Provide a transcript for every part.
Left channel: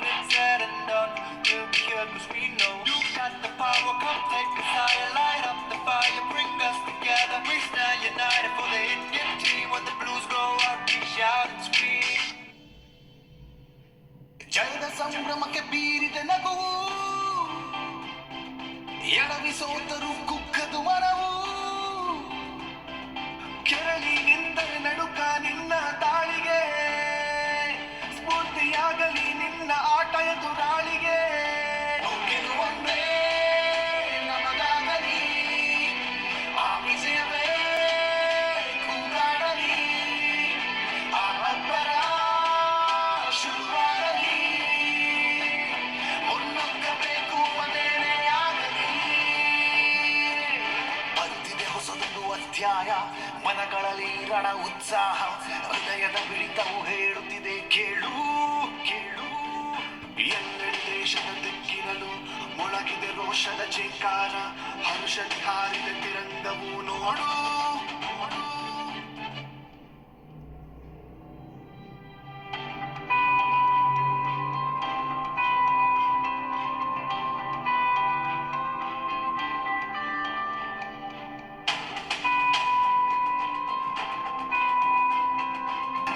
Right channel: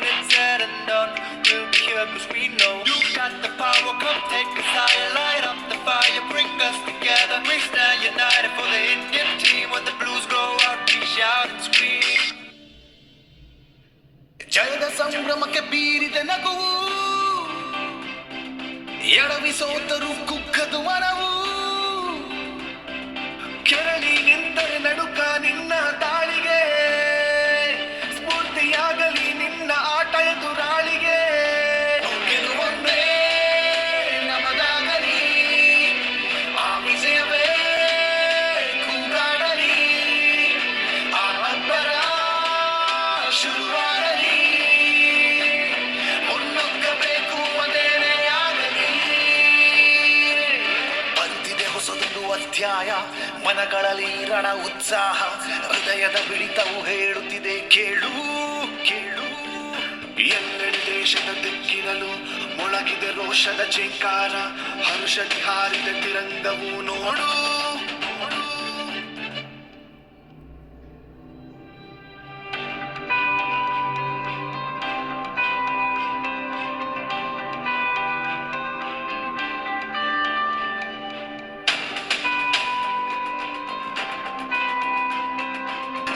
when it's said and done, we'll be here cause we know you got the power. Come take us higher, light up the fire, bring us together. We stand united for the Indian team. When the blues go out, we shout and scream. ಜಯದ ಸಂಭ್ರಮಕ್ಕೆ ಬೀರಿದ ನಗುವು, ಎಡವಿ ಸೋತರು ಕುಕ್ಕದು ಮನವು. ಕೆರಳಿ ನಿಂದರೆ ನಡುಕ ನಿನ್ನ ದಾಳಿಗೆ, ಸ್ಫೂರ್ತಿಯಾಗಲಿ ನಿನ್ನ ಆಟ ಎದುರಾಳಿಗೆ. ಗೆಲುವೊಂದೇ ನಮದಾಗಲಿ, ಆ ವಿಜಯವೇ ಕೂಗಾಡಲಿ, ಆ ಅಬ್ಬರ ಶುರುವಾಗಲಿ, ಮುನ್ನುಗ್ಗಬೇಕು ಅದೇನೇ ಆಗಲಿ. ಬಂದಿದೆ ಹೊಸದೊಂದು ಅಧ್ಯಾಯ, ಮನಗಳಲ್ಲಿ ರಣ ಉತ್ಸಾಹ, ಹೃದಯದ ಬಿಡಿತವು ಹೇಳುತ್ತಿದೆ ಕೇಳು ಕೇಳು. ಎಲ್ಲೆಡೆ ದೇಶದ ದಿಕ್ಕಿನಲ್ಲೂ ಮೊಳಗಿದೆ ರೋಷದ ಚೇಂಕಾರ, ಹರುಷದಿ ಹಾರಿದ ತಿರಂಗವು ನೋಡು.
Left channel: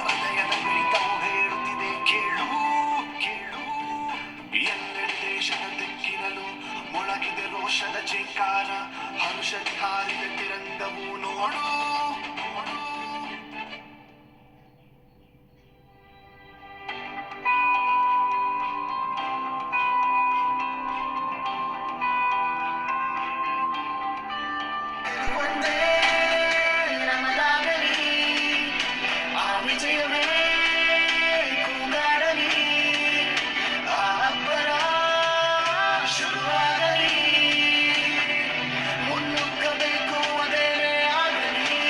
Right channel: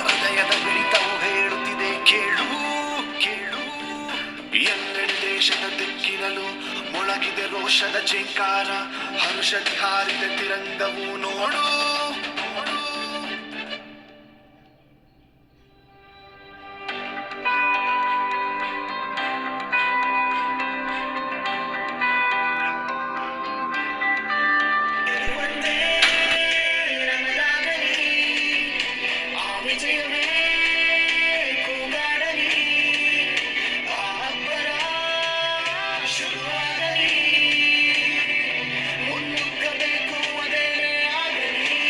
ಹೃದಯದ ಬಿಡಿತವು ಹೇಳುತ್ತಿದೆ ಕೇಳು ಕೇಳು. ಎಲ್ಲೆಡೆ ದೇಶದ ದಿಕ್ಕಿನಲ್ಲೂ ಮೊಳಗಿದೆ ರೋಷದ ಚೇಂಕಾರ, ಹರುಷದಿ ಹಾರಿದ ತಿರಂಗವು ನೋಡು. ಗೆಲುವೊಂದೇ ನಮದಾಗಲಿ, ಆ ವಿಜಯವೇ ಕೂಗಾಡಲಿ, ಆ ಅಬ್ಬರ ಶುರುವಾಗಲಿ, ಮುನ್ನುಗ್ಗಬೇಕು ಅದೇನೇ ಆಗಲಿ.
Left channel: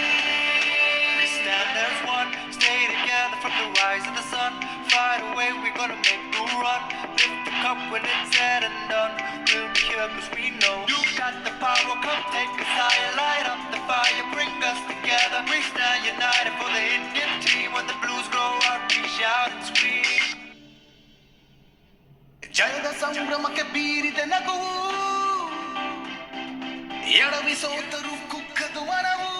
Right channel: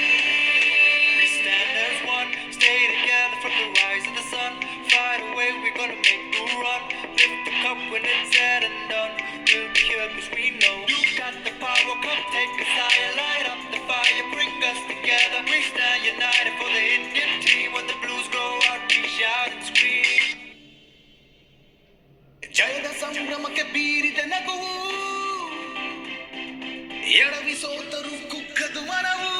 We stand as one, stay together from the rise of the sun. Fight away, we're gonna make the run. Lift the cup when it's said and done. We'll be here cause we know you got the power. Come take us higher, light up the fire, bring us together. We stand united for the Indian team. When the blues go out, we shout and scream. ಜಯದ ಸಂಭ್ರಮಕ್ಕೆ ಬೀರಿದ ನಗುವು, ಎಡವಿ ಸೋತರು ಕುಕ್ಕದು ಮನವು.